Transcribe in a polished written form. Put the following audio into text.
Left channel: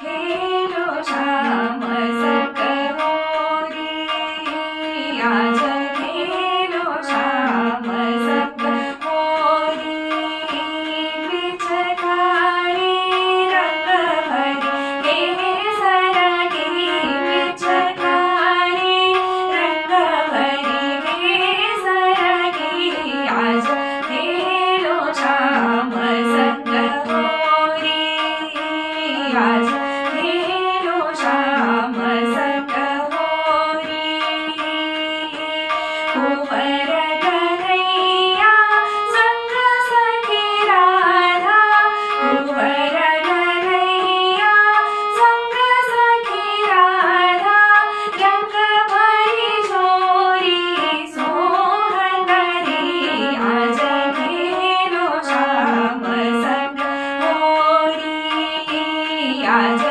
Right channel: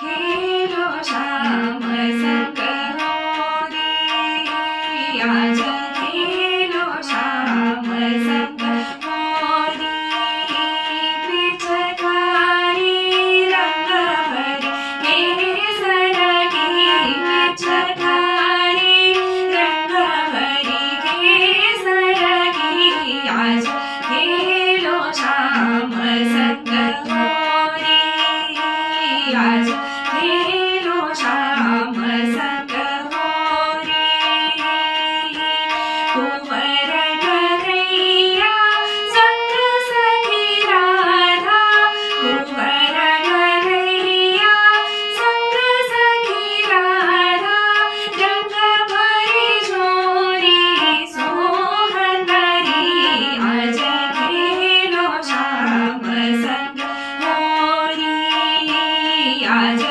खेलो श्याम संग होरी, आज खेलो श्याम संग होरी। पिचकारी रंग भरी केसर की, पिचकारी रंग भरी केसर की, आज खेलो श्याम संग होरी, आज खेलो श्याम संग होरी। कुंवर कन्हैया संग सखी राधा, कुंवर कन्हैया संग सखी राधा, रंग भरी झोरी सोहंदरी, आज खेलो श्याम संग होरी, आज